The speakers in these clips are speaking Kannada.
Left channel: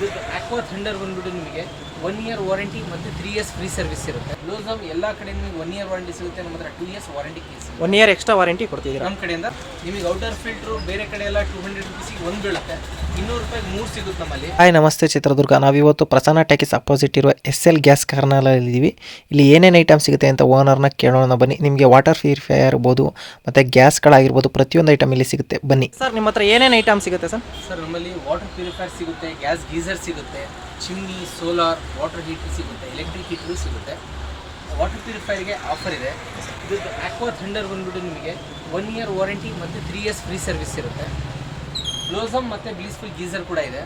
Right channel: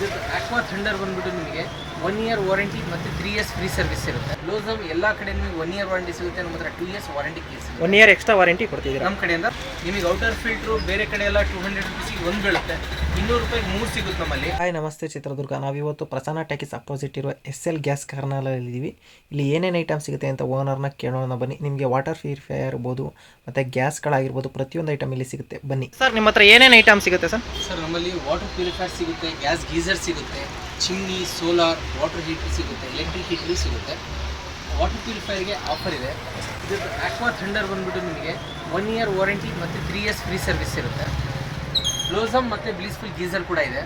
did the ಆಕ್ವಾ ಥಂಡರ್ ಬಂದ್ಬಿಟ್ಟು ನಿಮಗೆ ಒನ್ ಇಯರ್ ವಾರಂಟಿ ಮತ್ತು ತ್ರೀ ಇಯರ್ಸ್ ಫ್ರೀ ಸರ್ವಿಸ್ ಇರುತ್ತೆ. ಲೋಸಮ್ ಎಲ್ಲ ಕಡೆ ನಿಮಗೆ ಒನ್ ಇಯರ್ ವಾರಂಟಿ ಸಿಗುತ್ತೆ ನಮ್ಮ ಹತ್ರ two years warranty case one year extra warranty ಕೊಡ್ತಿದ್ದೀರಾ? ನಮ್ಮ ಕಡೆಯಿಂದ ನಿಮಗೆ ಔಟರ್ ಫಿಲ್ಟ್ರು ಬೇರೆ ಕಡೆ ಎಲ್ಲ ಟೂ ಹಂಡ್ರೆಡ್ ರುಪೀಸಿಗೆ ಒಂದು ಬೀಳುತ್ತೆ. ಇನ್ನೂರು ರೂಪಾಯಿ ಮೂರು ಸಿಗುತ್ತೆ ನಮ್ಮಲ್ಲಿ. ಹಾಯ್ ನಮಸ್ತೆ ಚಿತ್ರದುರ್ಗ. ನಾವಿವತ್ತು ಪ್ರಸನ್ನ ಟ್ಯಾಕಿಸ್ ಅಪೋಸಿಟ್ ಇರುವ ಎಸ್ ಎಲ್ ಗ್ಯಾಸ್ ಕಾರ್ನಲ್ಲಿದ್ದೀವಿ ಇಲ್ಲಿ ಏನೇನು ಐಟಮ್ ಸಿಗುತ್ತೆ ಅಂತ ಓನರ್ನ ಕೇಳೋಣ. ಬನ್ನಿ. ನಿಮಗೆ ವಾಟರ್ ಪ್ಯೂರಿಫೈಯರ್ ಇರ್ಬೋದು ಮತ್ತು ಗ್ಯಾಸ್ಗಳಾಗಿರ್ಬೋದು ಪ್ರತಿಯೊಂದು ಐಟಮ್ ಇಲ್ಲಿ ಸಿಗುತ್ತೆ. ಬನ್ನಿ. ಸರ್ ನಿಮ್ಮ ಹತ್ರ ಏನೇನು ಐಟಮ್ ಸಿಗುತ್ತೆ ಸರ್? ಸರ್ ನಮ್ಮಲ್ಲಿ ವಾಟರ್ ಪ್ಯೂರಿಫೈರ್ ಸಿಗುತ್ತೆ ಗ್ಯಾಸ್ ಗೀಸರ್ ಸಿಗುತ್ತೆ ಚಿಮ್ನಿ ಸೋಲಾರ್ ವಾಟರ್ ಹೀಟರ್ ಸಿಗುತ್ತೆ ಎಲೆಕ್ಟ್ರಿಕ್ ಹೀಟರ್ ಸಿಗುತ್ತೆ. ವಾಟರ್ ಪ್ಯೂರಿಫೈರ್ಗೆ ಆಫರ್ ಇದೆ. ಇದ್ರದ್ದು ಆಕ್ವಾ ಥಂಡರ್ ಬಂದ್ಬಿಟ್ಟು ನಿಮಗೆ ಒನ್ ಇಯರ್ ವಾರಂಟಿ ಮತ್ತು ತ್ರೀ ಇಯರ್ಸ್ ಫ್ರೀ ಸರ್ವಿಸ್ ಇರುತ್ತೆ. ಲೋಸಮ್ ಮತ್ತು ಬ್ಲೀಸ್ಫುಲ್ ಗೀಸರ್ ಕೂಡ ಇದೆ.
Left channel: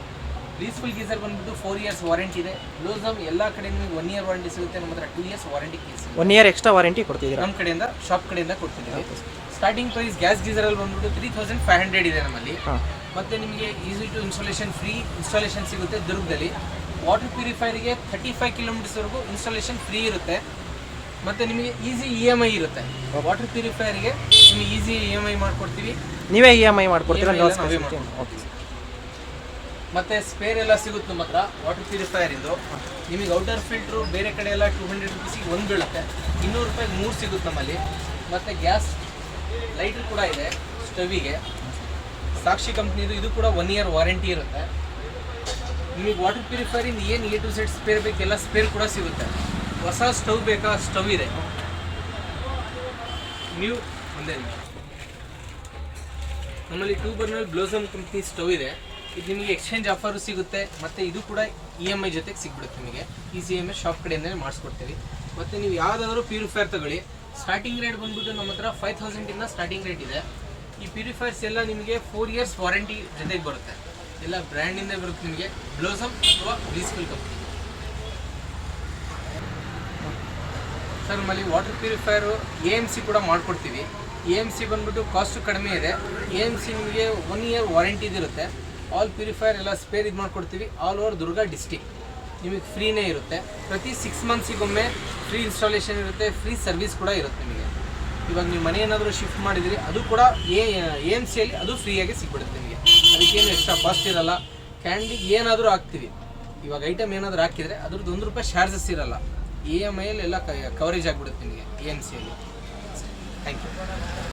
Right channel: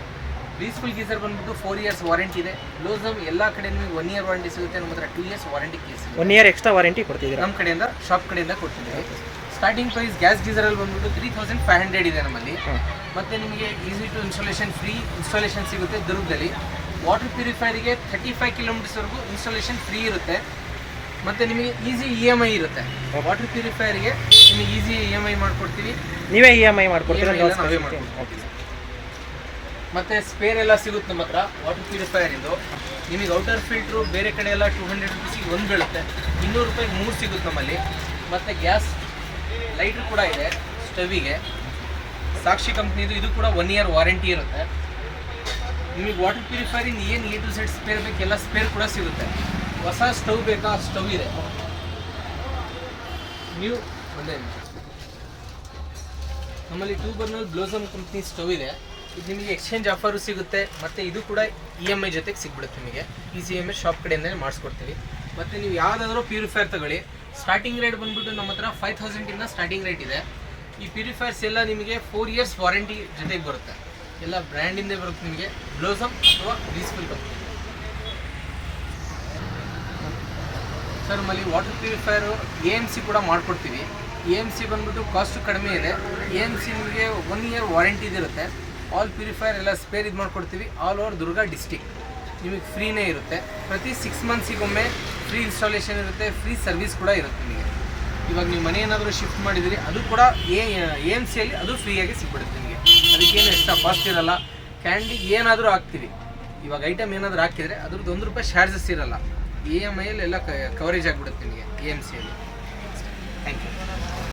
ಬ್ಲೀಸ್ಫುಲ್ ಗೀಸರ್ ಬಂದ್ಬಿಟ್ಟು ಫೋರ್ ಇಯರ್ಸ್ ವಾರಂಟಿ ಇದೆ. ಲೋಸಮ್ ಎಲ್ಲ ಕಡೆ ನಿಮಗೆ ಒನ್ ಇಯರ್ ವಾರಂಟಿ ಸಿಗುತ್ತೆ. ನಮ್ಮ ಹತ್ರ two years warranty case one year extra warranty ಕೊಡ್ತಿದ್ದೀರಾ? ನಮ್ಮ ಕಡೆಯಿಂದ ಶಾಪ್ ಕಡೆಯಿಂದ ಕೊಡ್ತಿದ್ದೀವಿ. ಸ್ಟಾರ್ಟಿಂಗ್ ಪ್ರೈಸ್ ಗ್ಯಾಸ್ ಗೀಸರಲ್ಲಿ ಬಂದ್ಬಿಟ್ಟು ತ್ರೀ ತೌಸಂಡ್ ಫೈವ್ ಹಂಡ್ರೆಡ್ ಇದೆ ನಮ್ಮಲ್ಲಿ. ಮತ್ತೆ ನಿಮಗೆ easy to installation free installation ಸಿಗುತ್ತೆ ದುರ್ಗದಲ್ಲಿ. ವಾಟರ್ ಪ್ಯೂರಿಫೈರಿಗೆ ಥರ್ಟಿ ಫೈವ್ ಕಿಲೋಮೀಟರ್ಸ್ವರೆಗೂ ಇನ್ಸ್ಟಾಲೇಷನ್ ಫ್ರೀ ಇರುತ್ತೆ. ಮತ್ತೆ ನಿಮಗೆ ಈಸಿ ಇ ಎಂ ಐ ಇರುತ್ತೆ. ವಾಟರ್ ಪ್ಯೂರಿಫೈರ್ಗೆ ನಿಮಗೆ ಈಸಿ ಇ ಎಂ ಐ ಮಾಡಿಕೊಡ್ತೀವಿ. ನೀವೇ ಇ ಎಂ ಐ ಮಾಡಿಕೊಡ್ತೀವಿ. ಮತ್ತೆ ಸ್ಪೇರ್ ಎಲ್ಲ ಸಿಗುತ್ತೆ ನಮ್ಮ ಹತ್ರ ವಾಟರ್ ಪ್ಯೂರಿಫೈರ್ ಇದು. ನಿಮಗೆ ಔಟರ್ ಫಿಲ್ಟ್ರು ಬೇರೆ ಕಡೆ ಎಲ್ಲ ಟೂ ಹಂಡ್ರೆಡ್ ರುಪೀಸಿಗೆ ಒಂದು ಬೀಳುತ್ತೆ. ಇನ್ನೂರು ರೂಪಾಯಿ ಮೂರು ಸಿಗುತ್ತೆ ನಮ್ಮಲ್ಲಿ. ಮತ್ತು ಗ್ಯಾಸ್ ಲೈಟ್ರ್ ಕೂಡ ಇದೆ ಸ್ಟವಿಗೆ ಸಾಕ್ಷಿ ಕಂಪ್ನಿದು ಇದು ಕೂಡ ಒನ್ ಇಯರ್ ವಾರಂಟಿ ಇರುತ್ತೆ. ನಿಮಗೆ ವಾಟರ್ ಪ್ಯೂರಿಫೈರಿಂಗ್ ಏನು ಎ ಟು ಸೆಟ್ ಸ್ಪೇರ್ ಬೇಕೆಲ್ಲ ಸ್ಪೇರ್ ಕೂಡ ಸಿಗುತ್ತೆ. ಹೊಸ ಸ್ಟವ್ ಬೇಕಾ? ಸ್ಟವ್ ಇದೆ. ನೀವು ಒಂದೇ ನಮ್ಮಲ್ಲಿ two burner Blossom company stove ಇದೆ. ಇದು ನಿಮಗೆ ಎಕ್ಸ್ಚೇಂಜ್ ಆಫರು ಸಿಗುತ್ತೆ. ಮತ್ತು ಇದು ಕೂಡ ಇ ಎಂ ಐ ಜೊತೆಗೆ ಸಿಗ್ಬಿಡುತ್ತೆ ನಿಮಗೆ. Easy M I shop ಕಡೆಯಿಂದಲೇ ಮಾಡಿಸ್ಕೊಡ್ತೀವಿ. ಮತ್ತು ನೀವು ಯಾವುದಾದ್ರೂ ಪ್ಯೂರಿಫೈರ್ ತಗೊಳ್ಳಿ. ಸ್ಟಾರ್ಟಿಂಗ್ ರೇಟ್ ಬಂದ್ಬಿಟ್ಟು ನಮ್ಮ ಹತ್ರ ಫೈವ್ ತೌಸಂಡಿಂದ ಸ್ಟಾರ್ಟಿಂಗ್ ರೇಟ್ ಇದೆ. ಈ ಪ್ಯೂರಿಫೈರ್ಸ್ ಎಲ್ಲ ನಿಮಗೆ ಫೋರ್ ಇಯರ್ಸ್ ವಾರಂಟಿ ಜೊತೆಗೆ ಬರುತ್ತೆ. ಎಲ್ಲ ಬ್ರ್ಯಾಂಡಿಂದ ಬರುತ್ತೆ ನಿಮಗೆ. ಬ್ಲೋಸಮ್ ಅಥವಾ ಬ್ಲೀಸ್ಫುಲ್ ಕಂಪ್ನಿ ಸರ್ ನಮ್ಮಲ್ಲಿ water purifier A M C ಕೂಡ ಮಾಡಿಕೊಡ್ತೀವಿ. ಎ ಎಂ ಸಿ ಬಂದ್ಬಿಟ್ಟು ಕಾಸ್ಟು ಕಡಿಮೆ ಇದೆ. ಎ ಎಂ ಸಿ ನಿಮಗೆ ಒನ್ ಇಯರ್ ವಾರಂಟಿ ಇರುತ್ತೆ ಆಲ್ ಪ್ಯೂರಿಫೈರ್ ಎಲ್ಲ ಸ್ಪೇರ್ ಇದು ಮಾಡ್ಕೊಡ್ತೀವಿ. ಆಲ್ ಓವರ್ ದುರ್ಗಾ ಡಿಸ್ಟಿಕ್ ನಿಮಗೆ ಫ್ರೀನೇ ಇರುತ್ತೆ. ಪ್ರತಿ ಸಿಕ್ಸ್ ಮಂತ್ಸಿಗೊಮ್ಮೆ ಫ್ರೀ ಇನ್ಸ್ಟಾಲೇಷನ್ ಇರುತ್ತೆ, ಫ್ರೀ ಸರ್ವಿಸ್ ಕೂಡ ಇರುತ್ತೆ ನಿಮಗೆ. ಇವಾಗ ನೀವು ಮನೆ ಏನಾದರೂ ಶಿಫ್ಟ್ ಮಾಡಿದಿರಿ, ಅದು ಕೂಡ ಎ ಎಂ ಸಿಯಲ್ಲಿ ಅದು ಫ್ರೀಯಾಗಿ ಸಿಗ್ಬಿಡುತ್ತೆ ನಿಮಗೆ. ಅದಕ್ಕೇನು ಎಕ್ಸ್ಟ್ರಾ ಕಾಸ್ಟ್ ಇರಲ್ಲ. ಕ್ಯಾಂಡಿಗೆ ಏನಾದರೂ ಹಾಕ್ತೀವಿ ಇವಾಗ ಐಟಮ್ ಏನಾದರೂ ಹಾಕಿದರೆ ಅದ್ರದ್ದು ಒಂದು ರೂಪಾಯಿ ಚಾರ್ಜಸ್ ಇರಲ್ಲ. ಇ ಎಂ ಐಯಲ್ಲಿ ಎಲ್ಲ ಕವರೇಜ್ ಆಗಿಬಿಡುತ್ತೆ ನಿಮಗೆ ಎ ಎಂ ಸಿಯಲ್ಲಿ ಥ್ಯಾಂಕ್ ಯು